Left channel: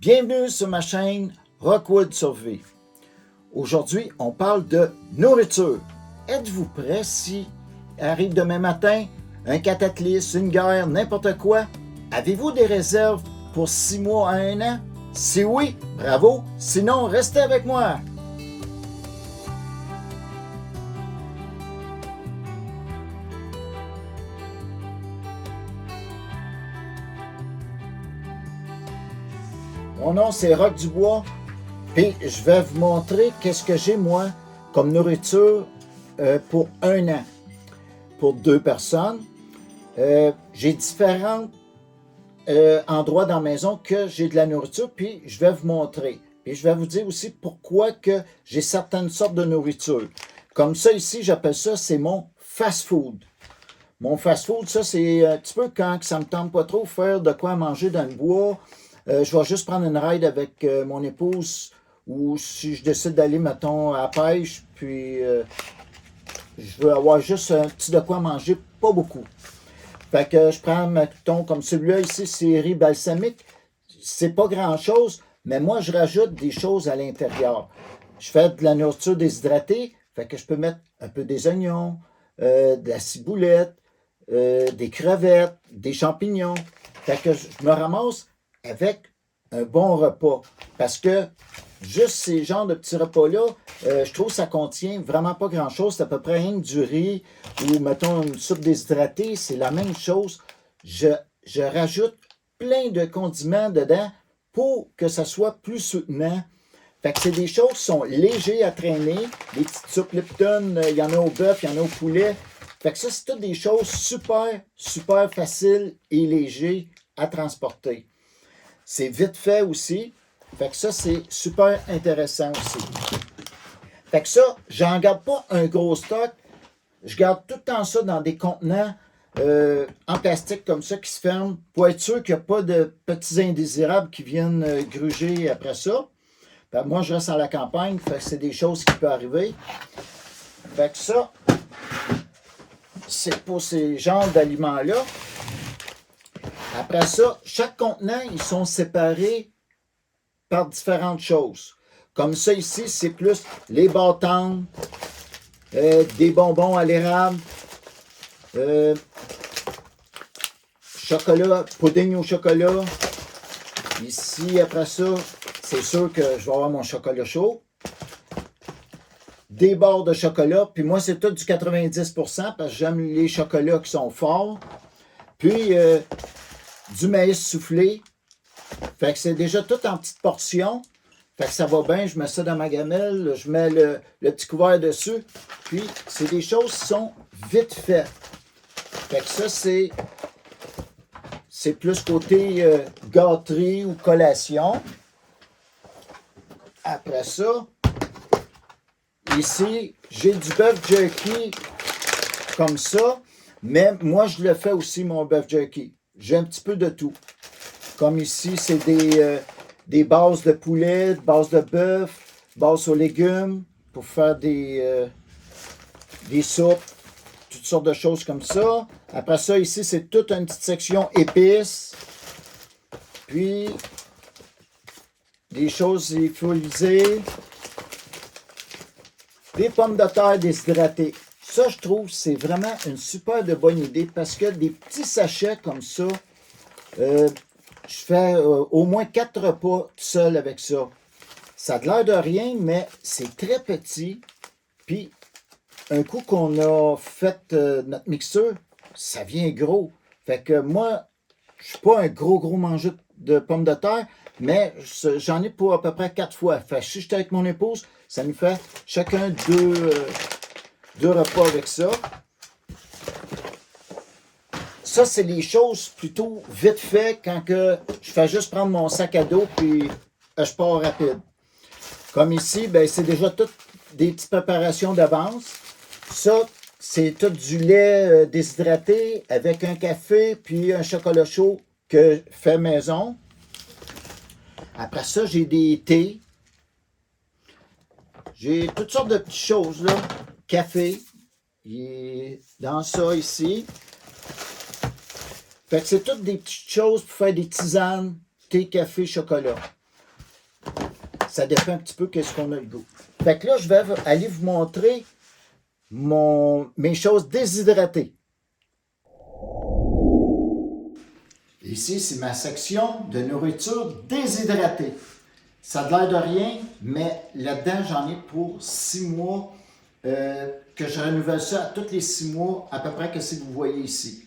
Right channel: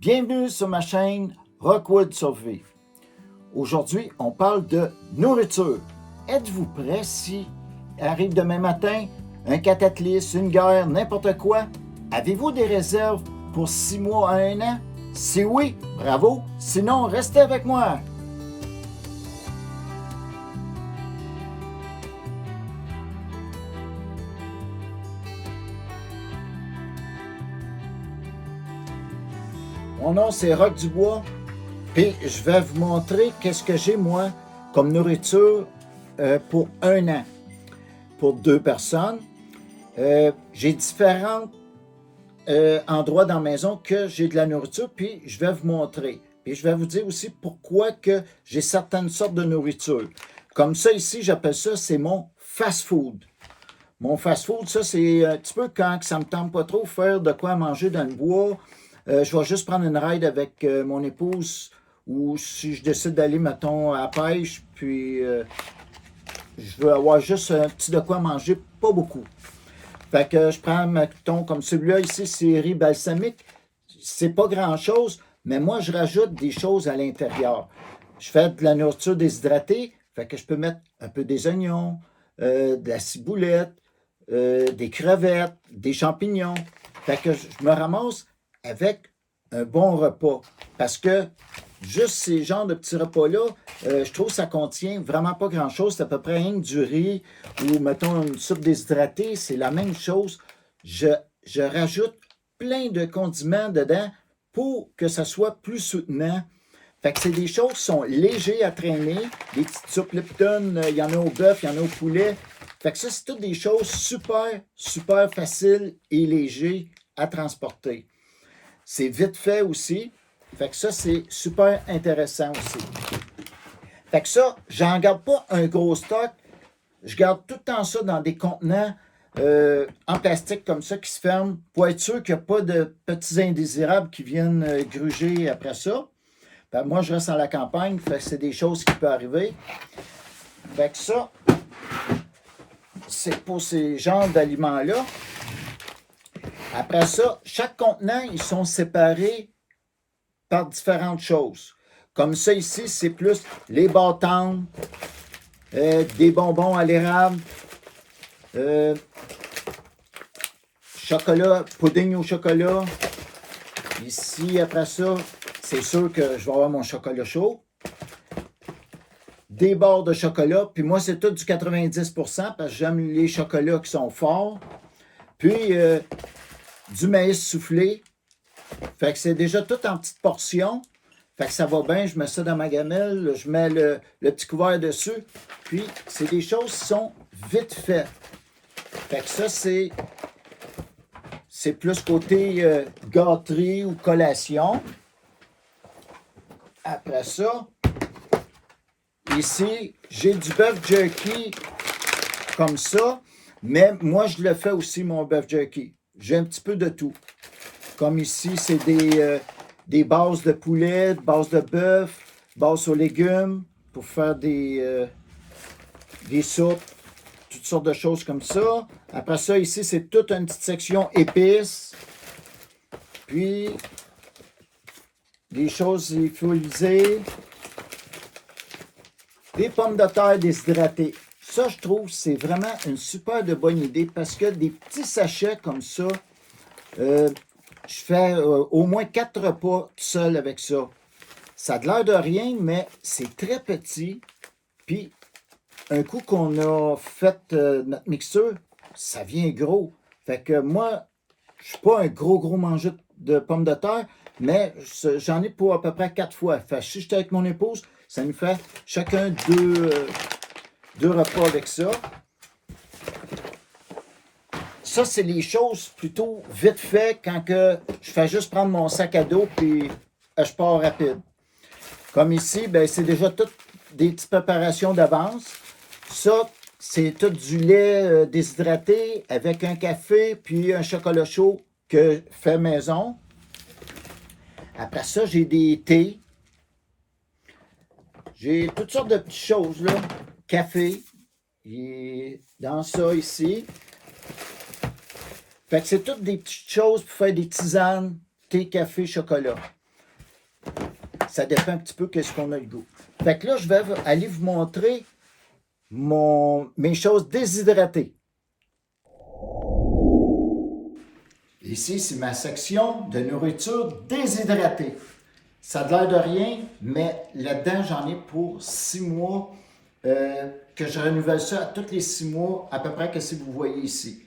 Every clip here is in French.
Bienvenue sur ma chaîne Rockwood Survey. Aujourd'hui, on parle de nourriture. Êtes-vous prêts si arrive demain matin un cataclysme, une guerre, n'importe quoi? Avez-vous des réserves pour 6 mois à 1 an? Si oui, bravo. Sinon, restez avec moi. Mon nom, c'est Rock Dubois. Puis, je vais vous montrer qu'est-ce que j'ai, moi, comme nourriture pour 1 an. Pour 2 personnes. J'ai différents endroits dans la maison que j'ai de la nourriture, puis je vais vous montrer. Puis je vais vous dire aussi pourquoi que j'ai certaines sortes de nourriture. Comme ça ici, j'appelle ça, c'est mon fast-food. Mon fast-food, ça, c'est un petit peu quand ça ne me tente pas trop faire de quoi manger dans le bois. Je vais juste prendre une ride avec mon épouse ou si je décide d'aller, mettons, à la pêche, puis je veux avoir juste un petit de quoi manger, pas beaucoup. Fait que je prends, mettons, comme celui-là ici, c'est riz balsamique. C'est pas grand-chose, mais moi, je rajoute des choses à l'intérieur. Je fais de la nourriture déshydratée, fait que je peux mettre un peu des oignons, de la ciboulette, des crevettes, des champignons. Fait que je me ramasse avec un bon repas. Parce que juste ces genres de petits repas-là, je trouve que ça contient vraiment pas grand-chose. C'est à peu près rien que du riz ou, mettons, une soupe déshydratée. C'est la même chose. Je rajoute plein de condiments dedans pour que ça soit plus soutenant. Fait que c'est des choses qui sont légères à traîner. Des petites soupes Lipton, il y en a au bœuf, il y en a au poulet. Fait que ça, c'est toutes des choses super, super faciles et légères à transporter. C'est vite fait aussi. Fait que ça, c'est super intéressant aussi. Fait que ça, j'en garde pas un gros stock. Je garde tout le temps ça dans des contenants en plastique comme ça qui se ferment pour être sûr qu'il n'y a pas de petits indésirables qui viennent gruger après ça. Fait que moi, je reste à la campagne, fait que c'est des choses qui peuvent arriver. Fait que ça, c'est pour ces genres d'aliments-là. Après ça, chaque contenant, ils sont séparés par différentes choses. Comme ça ici, c'est plus les bâtons, des bonbons à l'érable, chocolat, pudding au chocolat. Ici, après ça, c'est sûr que je vais avoir mon chocolat chaud. Des barres de chocolat. Puis moi, c'est tout du 90% parce que j'aime les chocolats qui sont forts. Puis du maïs soufflé. Fait que c'est déjà tout en petites portions. Fait que ça va bien. Je mets ça dans ma gamelle. Je mets le petit couvert dessus. Puis c'est des choses qui sont vite faites. Fait que ça, c'est plus côté gâterie ou collation. Après ça, ici, j'ai du bœuf jerky comme ça, mais moi, je le fais aussi, mon bœuf jerky. J'ai un petit peu de tout. Comme ici, c'est des bases de poulet, bases de bœuf, bases aux légumes pour faire des soupes, toutes sortes de choses comme ça. Après ça, ici, c'est toute une petite section épices. Puis, des choses lyophilisées. Des pommes de terre déshydratées. Ça, je trouve, c'est vraiment une super de bonne idée parce que des petits sachets comme ça, je fais au moins 4 repas tout seul avec ça. Ça a l'air de rien, mais c'est très petit. Puis, un coup qu'on a fait notre mixture, ça vient gros. Fait que moi, je suis pas un gros mangeur de pommes de terre, mais j'en ai pour à peu près 4 fois. Fait que si j'étais avec mon épouse, ça nous fait chacun deux repas avec ça. Ça, c'est les choses plutôt vite fait quand que je fais juste prendre mon sac à dos puis je pars rapide. Comme ici, ben, c'est déjà toutes des petites préparations d'avance. Ça, c'est tout du lait déshydraté avec un café puis un chocolat chaud que je fais maison. Après ça, j'ai des thés. J'ai toutes sortes de petites choses, là. Café. Il est dans ça ici. Fait que c'est toutes des petites choses pour faire des tisanes, thé, café, chocolat. Ça dépend un petit peu qu'est-ce qu'on a le goût. Fait que là, je vais aller vous montrer mes choses déshydratées. Ici, c'est ma section de nourriture déshydratée. Ça a l'air de rien, mais là-dedans, j'en ai pour 6 mois, que je renouvelle ça à tous les 6 mois, à peu près que si vous voyez ici.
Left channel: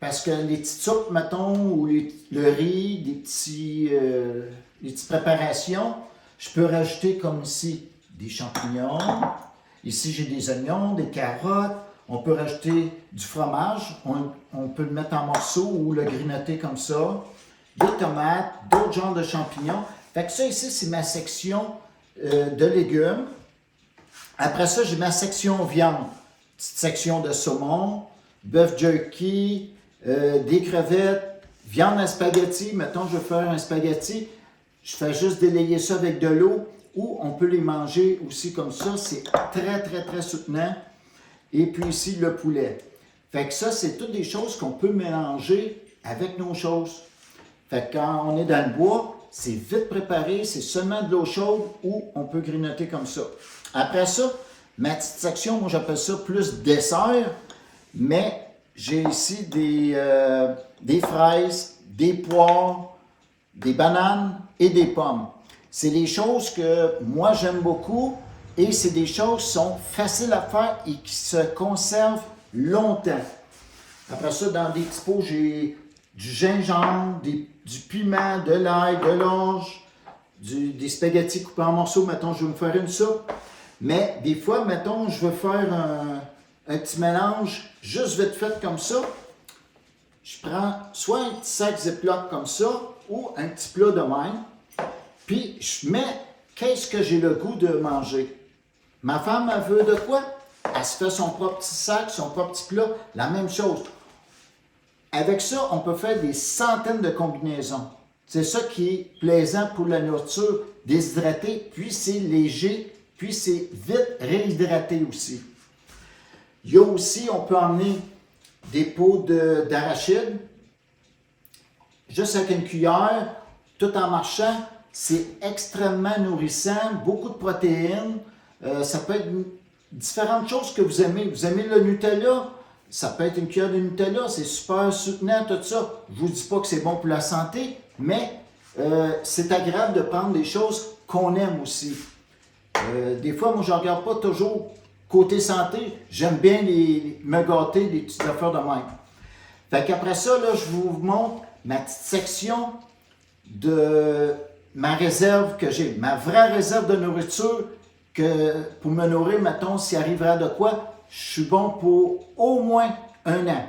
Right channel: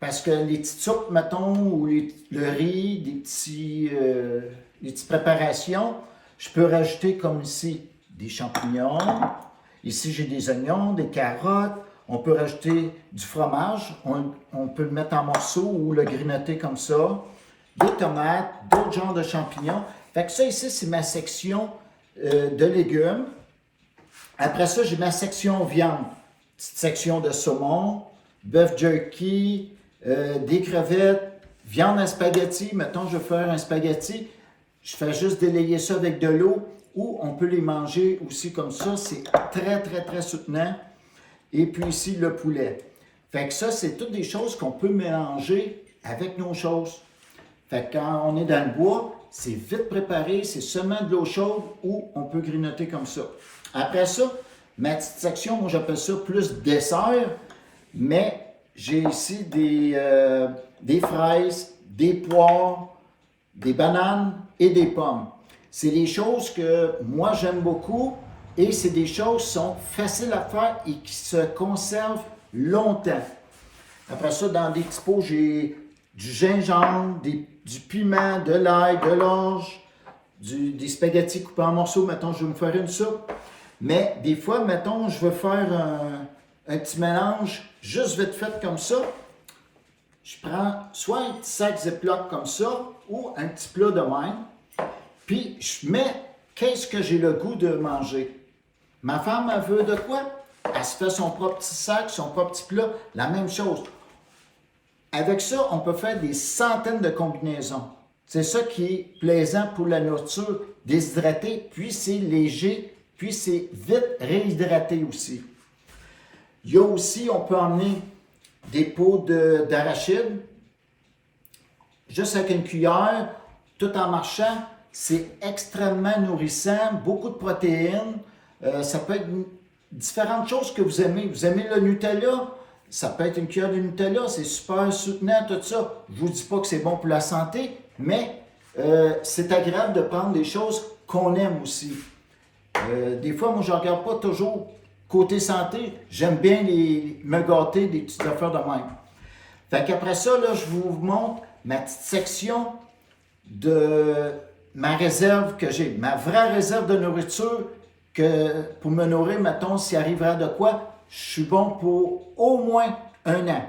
Parce que les petites soupes, mettons, ou le riz, les petites préparations, je peux rajouter comme ici des champignons. Ici, j'ai des oignons, des carottes. On peut rajouter du fromage. On peut le mettre en morceaux ou le grignoter comme ça. Des tomates, d'autres genres de champignons. Fait que ça ici, c'est ma section de légumes. Après ça, j'ai ma section viande. Petite section de saumon, bœuf jerky, des crevettes, viande en spaghetti. Mettons, je veux faire un spaghetti. Je fais juste délayer ça avec de l'eau ou on peut les manger aussi comme ça. C'est très, très, très soutenant. Et puis ici, le poulet. Fait que ça, c'est toutes des choses qu'on peut mélanger avec nos choses. Fait que quand on est dans le bois, c'est vite préparé, c'est seulement de l'eau chaude ou on peut grignoter comme ça. Après ça, ma petite section, moi j'appelle ça plus dessert, mais j'ai ici des fraises, des poires, des bananes et des pommes. C'est des choses que moi j'aime beaucoup et c'est des choses qui sont faciles à faire et qui se conservent longtemps. Après ça, dans des petits pots, j'ai du gingembre, du piment, de l'ail, de l'orge, des spaghettis coupés en morceaux. Mettons, je vais me faire une soupe. Mais des fois, mettons, je veux faire un petit mélange juste vite fait comme ça. Je prends soit un petit sac Ziploc comme ça ou un petit plat de même. Puis, je mets qu'est-ce que j'ai le goût de manger. Ma femme, elle veut de quoi? Elle se fait son propre petit sac, son propre petit plat, la même chose. Avec ça, on peut faire des centaines de combinaisons. C'est ça qui est plaisant pour la nourriture déshydratée, puis c'est léger, puis c'est vite réhydraté aussi. Il y a aussi, on peut emmener des pots d'arachide, juste avec une cuillère, tout en marchant. C'est extrêmement nourrissant, beaucoup de protéines. Ça peut être différentes choses que vous aimez. Vous aimez le Nutella? Ça peut être une cuillère de Nutella, c'est super soutenant, tout ça. Je ne vous dis pas que c'est bon pour la santé, mais c'est agréable de prendre des choses qu'on aime aussi. Des fois, moi, je ne regarde pas toujours côté santé. J'aime bien me gâter des petites affaires de même. Fait qu'après ça, là, je vous montre ma petite section de ma réserve que j'ai. Ma vraie réserve de nourriture que pour me nourrir, mettons, s'il arriverait de quoi, je suis bon pour au moins 1 an.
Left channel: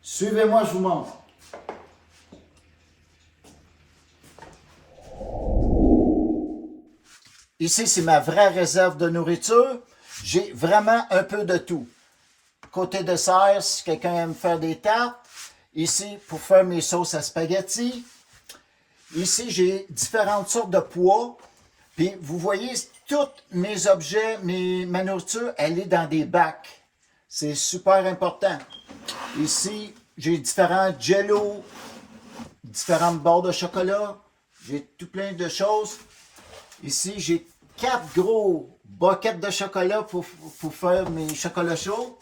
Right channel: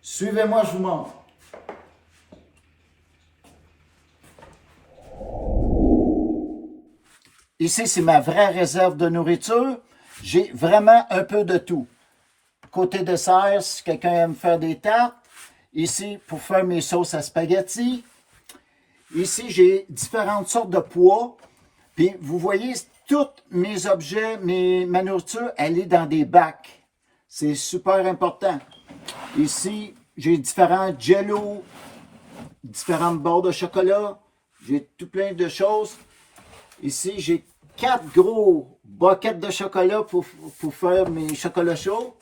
Suivez-moi, je vous montre. Ici, c'est ma vraie réserve de nourriture. J'ai vraiment un peu de tout. Côté dessert, si quelqu'un aime faire des tartes. Ici, pour faire mes sauces à spaghetti. Ici, j'ai différentes sortes de pois. Puis, vous voyez, tous mes objets, ma nourriture, elle est dans des bacs. C'est super important. Ici, j'ai différents jellos, différentes barres de chocolat. J'ai tout plein de choses. Ici, j'ai 4 gros buckets de chocolat pour faire mes chocolats chauds.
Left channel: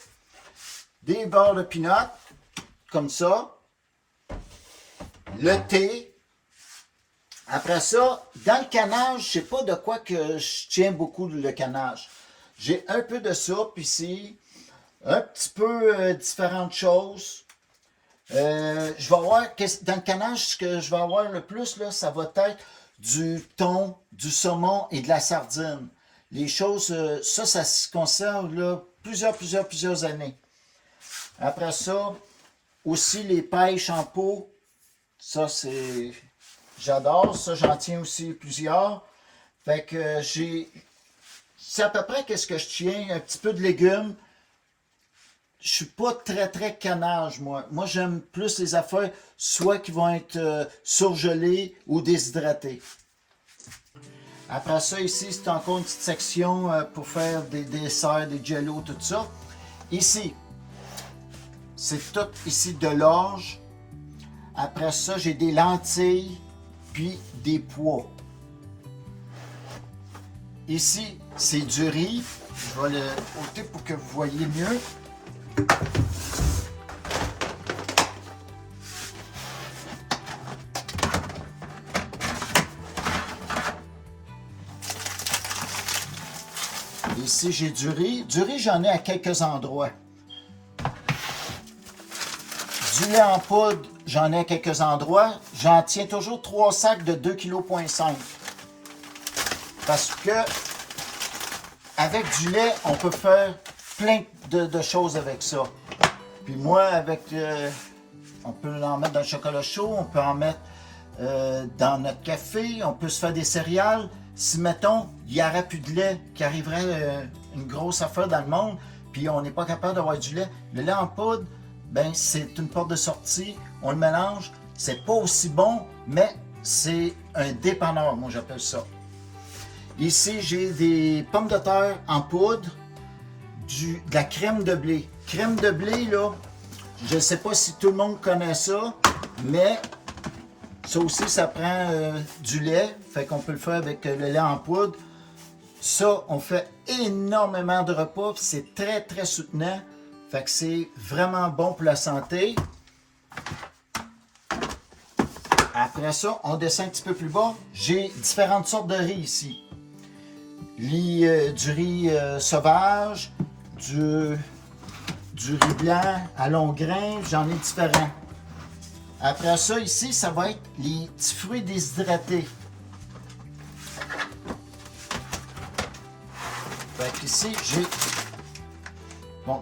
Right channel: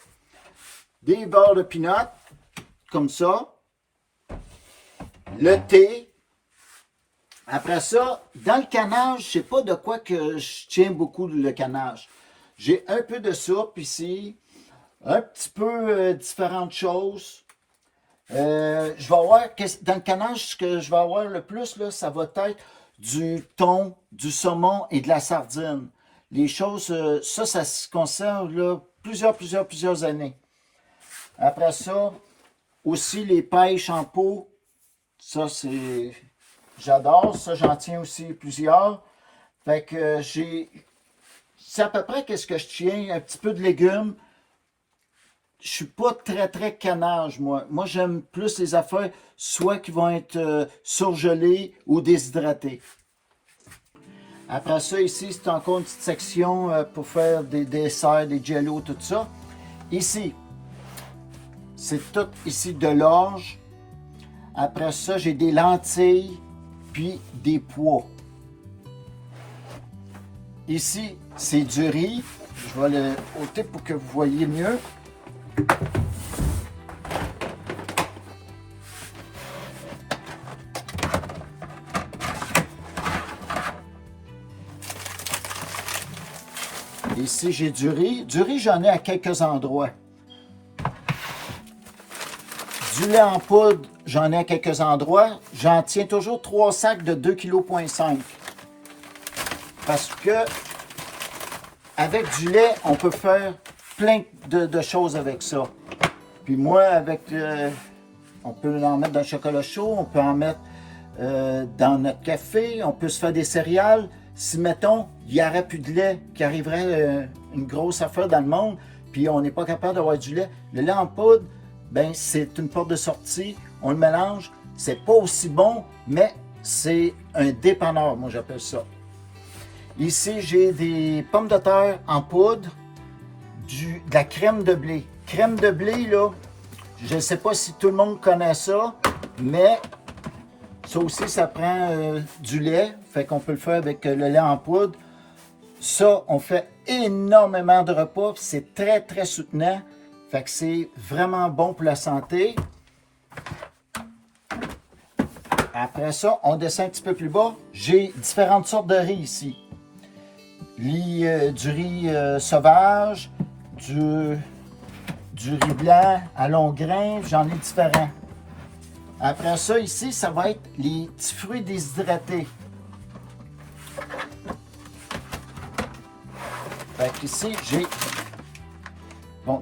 Des barres de peanuts, comme ça. Le thé. Après ça, dans le canage, je ne sais pas de quoi que je tiens beaucoup le canage. J'ai un peu de soupe ici, un petit peu différentes choses. Je vais avoir, dans le canage, ce que je vais avoir le plus, là, ça va être du thon, du saumon et de la sardine. Les choses, ça se conserve là, plusieurs années. Après ça, aussi les pêches en pot. Ça, c'est... J'adore ça, j'en tiens aussi plusieurs. Fait que c'est à peu près qu'est-ce que je tiens, un petit peu de légumes. Je suis pas très canage, moi. Moi, j'aime plus les affaires, soit qui vont être surgelées ou déshydratées. Après ça, ici, c'est encore une petite section pour faire des desserts, des jellos, tout ça. Ici, c'est tout ici de l'orge. Après ça, j'ai des lentilles, puis des pois. Ici, c'est du riz. Je vais le ôter pour que vous voyez mieux. Ici, j'ai du riz. Du riz, j'en ai à quelques endroits. Du lait en poudre, j'en ai à quelques endroits. J'en tiens toujours 3 sacs de 2,5 kg. Parce que avec du lait, on peut faire plein de choses avec ça. Puis moi, on peut en mettre dans le chocolat chaud, on peut en mettre dans notre café, on peut se faire des céréales. Si, mettons, il n'y aurait plus de lait, qu'il arriverait une grosse affaire dans le monde, puis on n'est pas capable d'avoir du lait, le lait en poudre, ben c'est une porte de sortie, on le mélange, c'est pas aussi bon, mais c'est un dépanneur, moi j'appelle ça. Ici, j'ai des pommes de terre en poudre, de la crème de blé. Crème de blé, là, je ne sais pas si tout le monde connaît ça, mais ça aussi, ça prend du lait, fait qu'on peut le faire avec le lait en poudre. Ça, on fait énormément de repas, c'est très, très soutenant. Fait que c'est vraiment bon pour la santé. Après ça, on descend un petit peu plus bas. J'ai différentes sortes de riz ici. Du riz sauvage, du riz blanc à long grain, j'en ai différents. Après ça, ici, ça va être les petits fruits déshydratés. Fait qu'ici, j'ai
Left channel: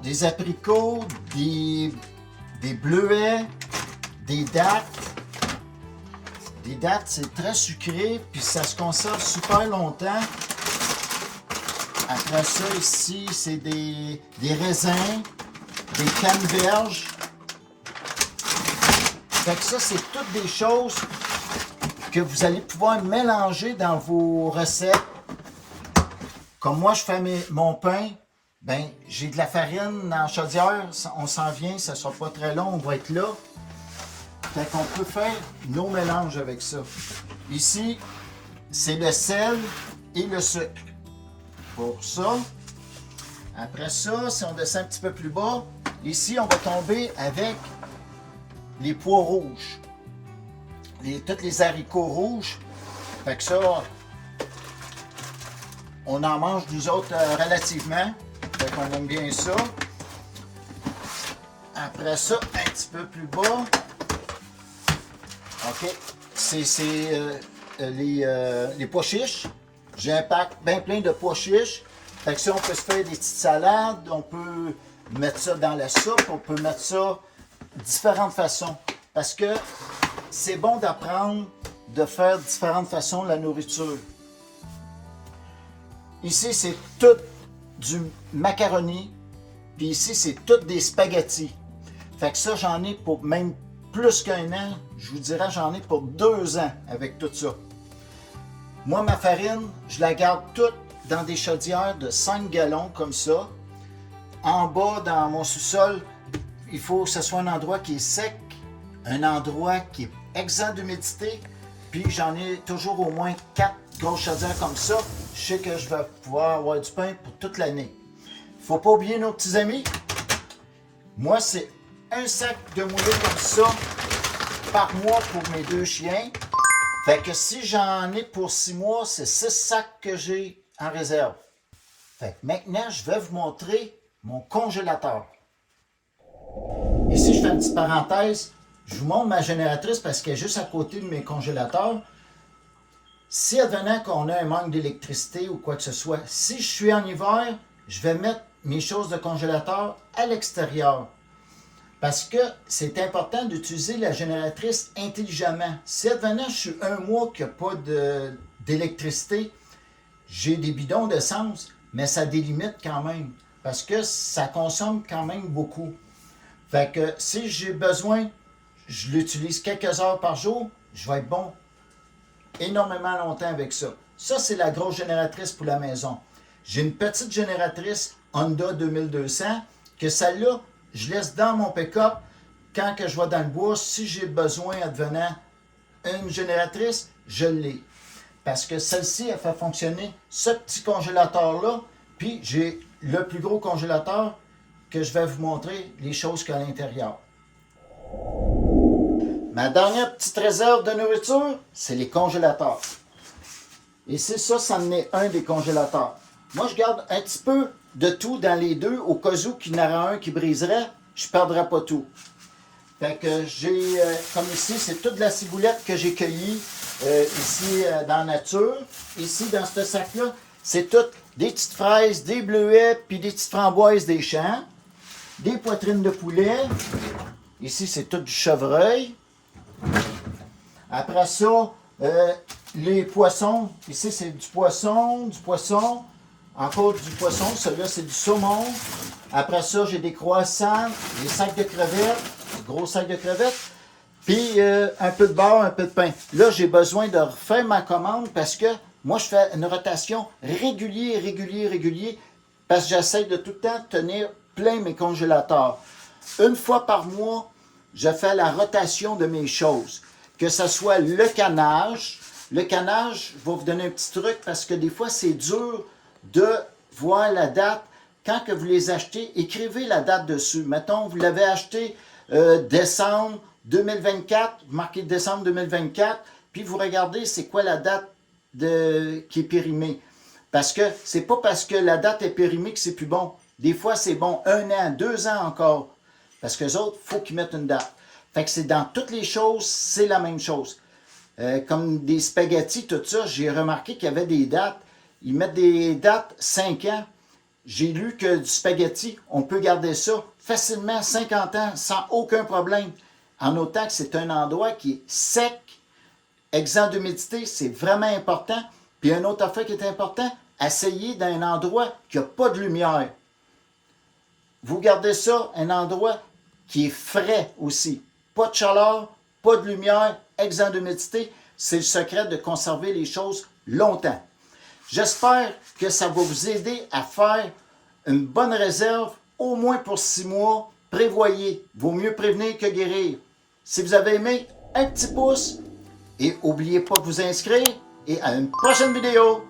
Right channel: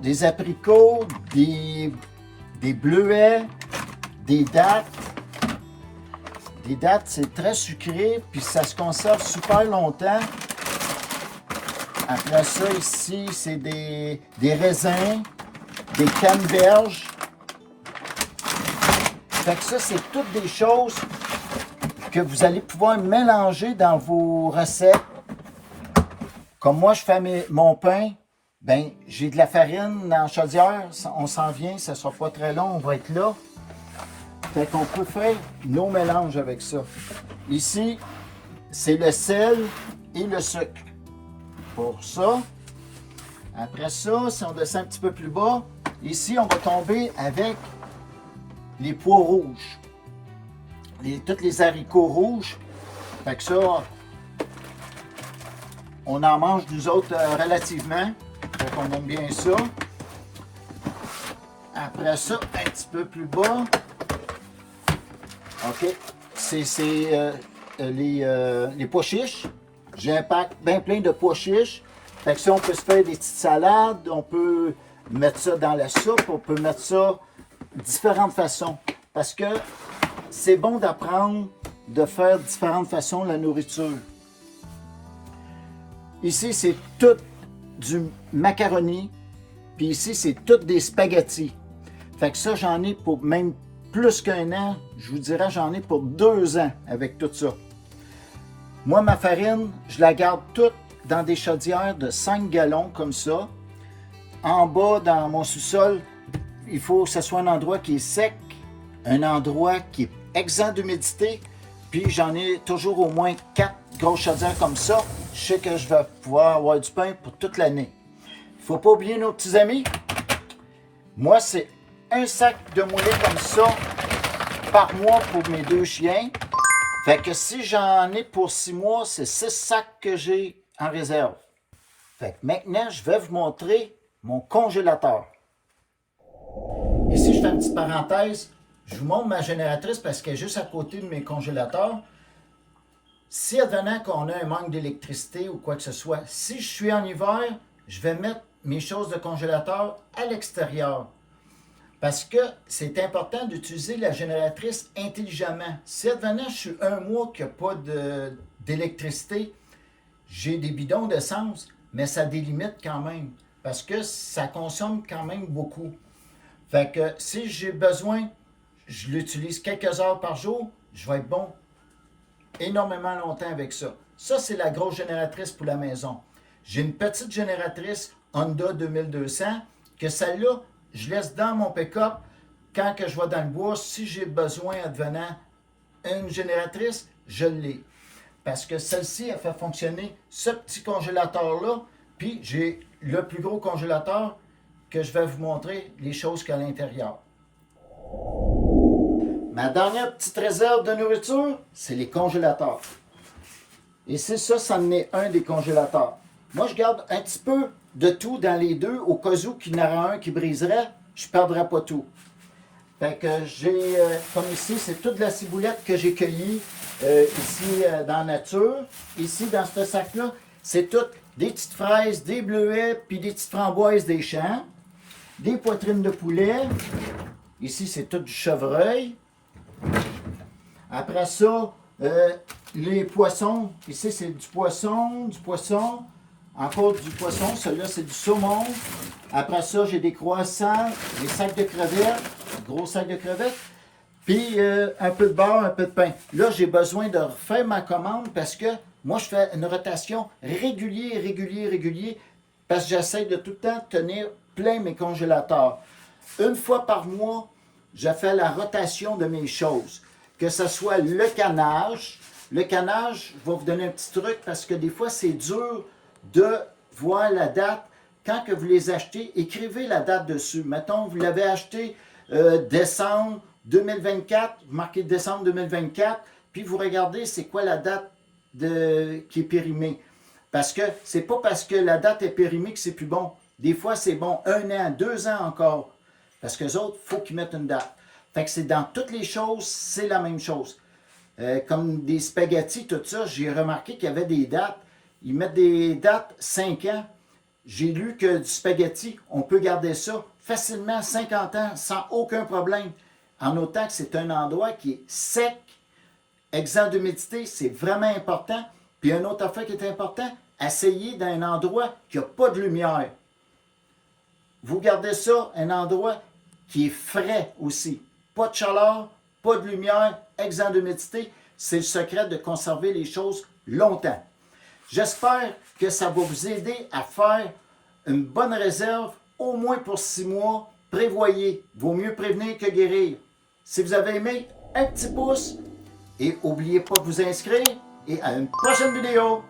des abricots, des bleuets, des dattes. Des dattes, c'est très sucré, puis ça se conserve super longtemps. Après ça, ici, c'est des raisins, des canneberges. Fait que ça, c'est toutes des choses que vous allez pouvoir mélanger dans vos recettes. Comme moi, je fais mon pain, ben j'ai de la farine dans la chaudière, on s'en vient, ça ne sera pas très long, on va être là. Fait qu'on peut faire nos mélanges avec ça. Ici, c'est le sel et le sucre. Pour ça. Après ça, si on descend un petit peu plus bas, ici, on va tomber avec les pois rouges. Tous les haricots rouges. Fait que ça, on en mange nous autres relativement. Fait qu'on aime bien ça. Après ça, un petit peu plus bas. OK. C'est les pois chiches. J'ai un pack bien plein de pois chiches. Fait que si on peut se faire des petites salades, on peut mettre ça dans la soupe, on peut mettre ça de différentes façons. Parce que c'est bon d'apprendre de faire de différentes façons la nourriture. Ici, c'est tout du macaroni. Puis ici, c'est tout des spaghettis. Fait que ça, j'en ai pour même plus qu'un an. Je vous dirais, j'en ai pour 2 ans avec tout ça. Moi, ma farine, je la garde toute dans des chaudières de 5 gallons comme ça. En bas, dans mon sous-sol, il faut que ce soit un endroit qui est sec, un endroit qui est exempt d'humidité. Puis j'en ai toujours au moins 4 grosses chaudières comme ça. Je sais que je vais pouvoir avoir du pain pour toute l'année. Il ne faut pas oublier nos petits amis. Moi, c'est un sac de moulé comme ça par mois pour mes 2 chiens. Fait que si j'en ai pour 6 mois, c'est 6 sacs que j'ai en réserve. Fait que maintenant, je vais vous montrer mon congélateur. Ici, je fais une petite parenthèse. Je vous montre ma génératrice parce qu'elle est juste à côté de mes congélateurs. Si advenant qu'on a un manque d'électricité ou quoi que ce soit, si je suis en hiver, je vais mettre mes choses de congélateur à l'extérieur. Parce que c'est important d'utiliser la génératrice intelligemment. Si advenant, je suis un mois qu'il n'y a pas d'électricité, j'ai des bidons d'essence, mais ça délimite quand même. Parce que ça consomme quand même beaucoup. Fait que si j'ai besoin, je l'utilise quelques heures par jour, je vais être bon énormément longtemps avec ça. Ça, c'est la grosse génératrice pour la maison. J'ai une petite génératrice Honda 2200 que celle-là, je laisse dans mon pick-up quand que je vais dans le bois. Si j'ai besoin, advenant une génératrice, je l'ai. parce que celle-ci, elle fait fonctionner ce petit congélateur-là, puis j'ai le plus gros congélateur que je vais vous montrer les choses qu'il y a à l'intérieur. Ma dernière petite réserve de nourriture, c'est les congélateurs. Et c'est ça, ça en est un des congélateurs. Moi, je garde un petit peu de tout dans les deux, au cas où qu'il y en aura un qui briserait, je ne perdrai pas tout. Fait que j'ai, comme ici, c'est toute la ciboulette que j'ai cueillie ici dans la nature. Ici, dans ce sac-là, c'est tout des petites fraises, des bleuets, puis des petites framboises des champs, des poitrines de poulet. Ici, c'est tout du chevreuil. Après ça, les poissons. Ici, c'est du poisson, encore du poisson. Celui-là, c'est du saumon. Après ça, j'ai des croissants, des sacs de crevettes, gros sacs de crevettes, puis un peu de beurre, un peu de pain. Là, j'ai besoin de refaire ma commande parce que moi, je fais une rotation régulier, parce que j'essaie de tout le temps tenir plein mes congélateurs. Une fois par mois, je fais la rotation de mes choses. Que ce soit le canage. Le canage, je vais vous donner un petit truc parce que des fois, c'est dur de voir la date. Quand que vous les achetez, écrivez la date dessus. Mettons, vous l'avez acheté décembre 2024, vous marquez décembre 2024, puis vous regardez c'est quoi la date qui est périmée. Parce que c'est pas parce que la date est périmée que c'est plus bon. Des fois, c'est bon 1 an, 2 ans encore. Parce que les autres, il faut qu'ils mettent une date. Fait que c'est dans toutes les choses, c'est la même chose. Comme des spaghettis, tout ça, j'ai remarqué qu'il y avait des dates. Ils mettent des dates 5 ans. J'ai lu que du spaghetti, on peut garder ça facilement 50 ans sans aucun problème. En autant que c'est un endroit qui est sec, exempt d'humidité, c'est vraiment important. Puis une autre affaire qui est important, essayez dans un endroit qui n'a pas de lumière. Vous gardez ça, un endroit qui est frais aussi. Pas de chaleur, pas de lumière, exempt d'humidité. C'est le secret de conserver les choses longtemps. J'espère que ça va vous aider à faire une bonne réserve, au moins pour 6 mois. Prévoyez, vaut mieux prévenir que guérir. Si vous avez aimé, un petit pouce et n'oubliez pas de vous inscrire et à une prochaine vidéo.